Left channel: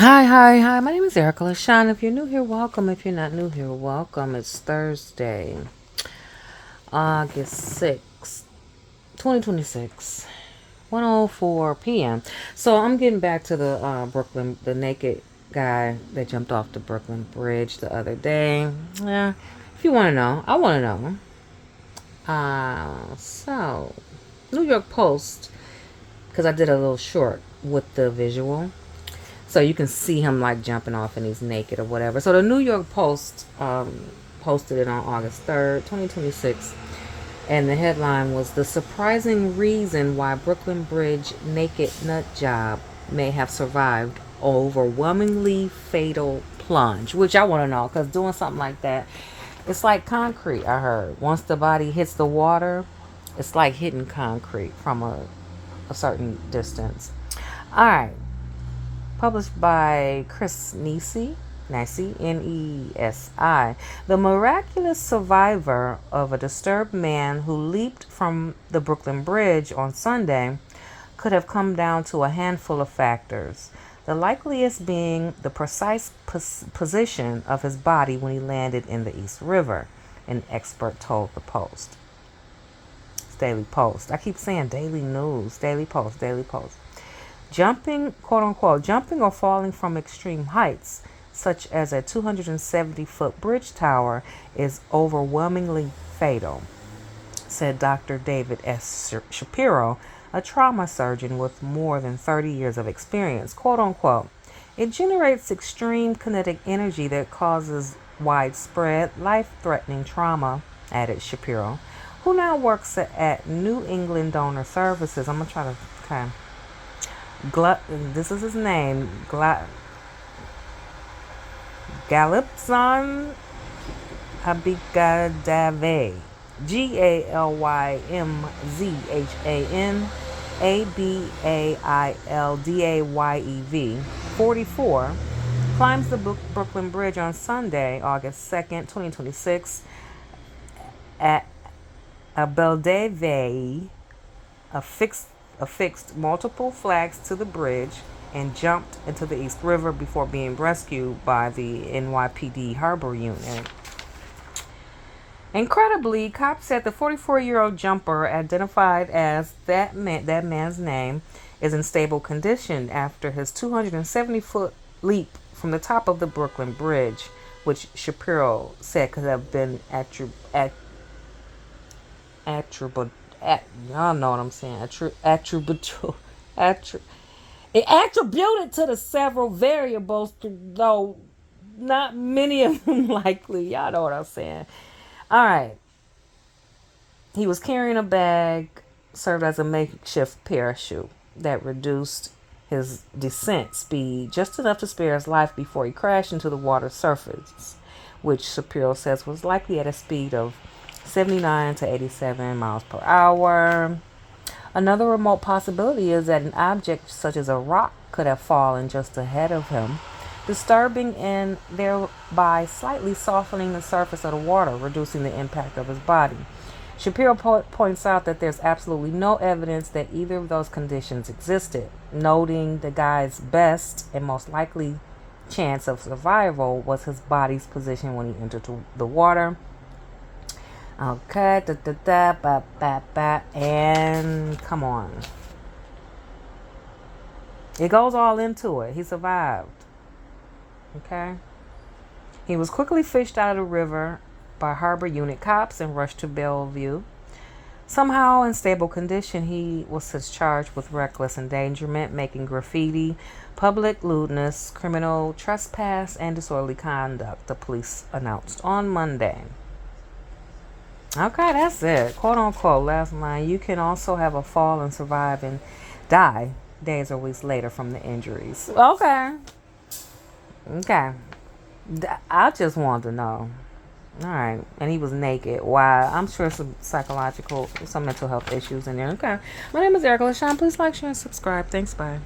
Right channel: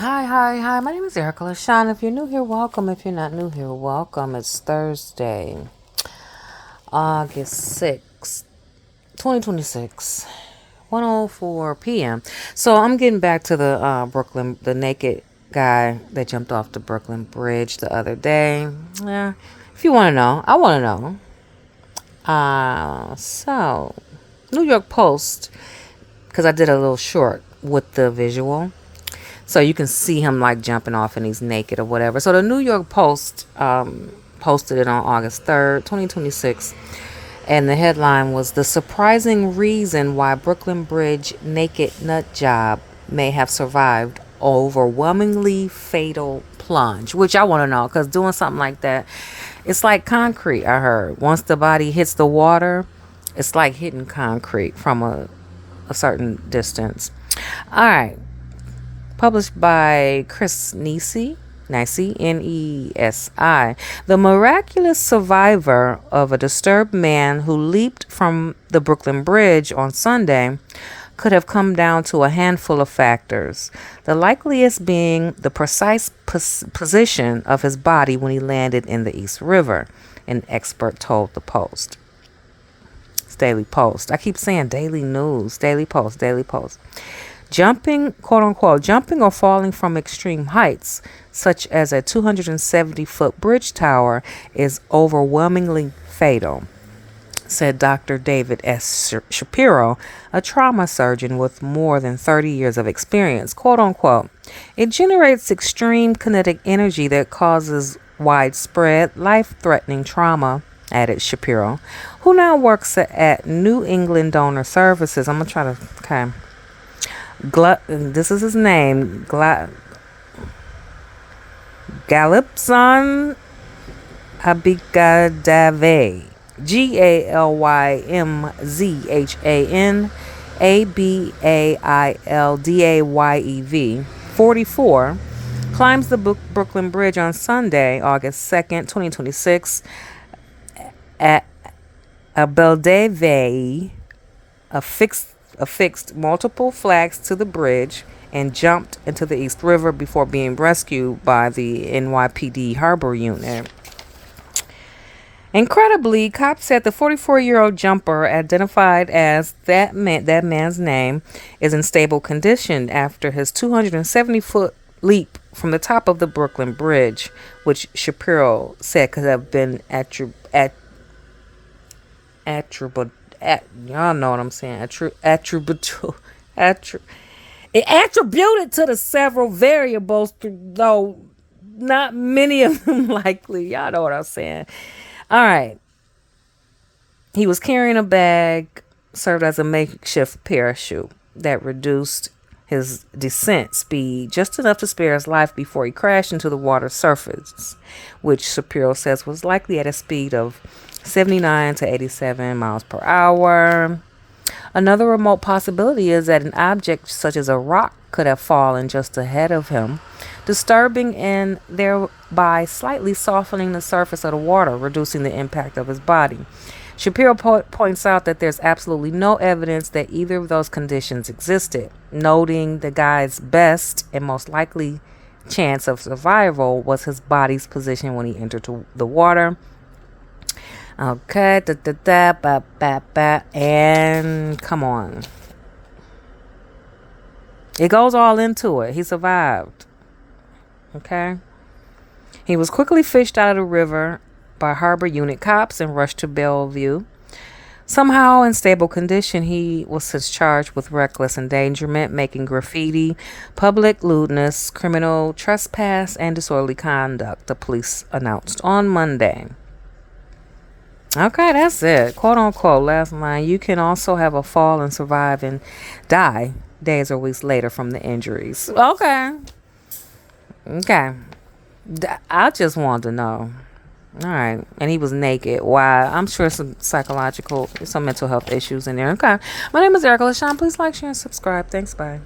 Hi. My name is Erica LaShawn. If you're new here, welcome. If you're not new here, welcome. It's Thursday, August 6th, 2026, 1:04 p.m. So I'm getting back to the the naked guy that jumped off the Brooklyn Bridge the other day. Yeah, if you want to know, I want to know. So, New York Post, because I did a little short with the visual. So you can see him like jumping off and he's naked or whatever. So the New York Post posted it on August 3rd, 2026. And the headline was "The Surprising Reason Why Brooklyn Bridge Naked Nut Job May Have Survived Overwhelmingly Fatal Plunge." Which I want to know, because doing something like that, it's like concrete, I heard. Once the body hits the water, it's like hitting concrete from a certain distance. All right. Published by Chris Nesi, Nesi. The miraculous survivor of a disturbed man who leaped from the Brooklyn Bridge on Sunday could have come down to a handful of factors, the likeliest being the precise position of his body when he landed in the East River, an expert told the Post. It's Daily Post. I keep saying Daily News, Daily Post, Daily Post. Jumping, quote unquote, jumping or falling from extreme heights, such as a 270-foot bridge tower, is overwhelmingly fatal, said Dr. David S. Shapiro, a trauma surgeon with more than 30 years of experience. Quote unquote, it generates extreme kinetic energy that causes widespread, life threatening trauma, added Shapiro, who now works at New England Donor Services. I'm going to try to, okay. This is his name, Galipson Abigadave, Galymzhan Abildayev, 44, climbs the Brooklyn Bridge on Sunday, August 2nd, 2026, at Abildave affixed multiple flags to the bridge and jumped into the East River before being rescued by the NYPD Harbor Unit. Incredibly, cops said the 44-year-old jumper, identified as that man's name, is in stable condition after his 270-foot leap from the top of the Brooklyn Bridge, which Shapiro said could have been y'all know what I'm saying. It attributed to the several variables, though not many of them likely. Y'all know what I'm saying. All right. He was carrying a bag, served as a makeshift parachute that reduced his descent speed just enough to spare his life before he crashed into the water surface, which Shapiro says was likely at a speed of 79 to 87 miles per hour. Another remote possibility is that an object such as a rock could have fallen just ahead of him, disturbing and thereby slightly softening the surface of the water, reducing the impact of his body. Shapiro points out that there's absolutely no evidence that either of those conditions existed, noting the guy's best and most likely chance of survival was his body's position when he entered the water. Okay, and come on. It goes all into it. He survived. Okay. He was quickly fished out of the river by Harbor Unit cops and rushed to Bellevue. Somehow in stable condition, he was charged with reckless endangerment, making graffiti, public lewdness, criminal trespass, and disorderly conduct, the police announced on Monday. Okay, that's it. Quote unquote, last line. You can also have a fall and survive and die days or weeks later from the injuries. Okay. I just wanted to know. All right. And he was naked. Why? I'm sure some mental health issues in there. Okay. My name is Erica LaShawn. Please like, share, and subscribe. Thanks. Bye.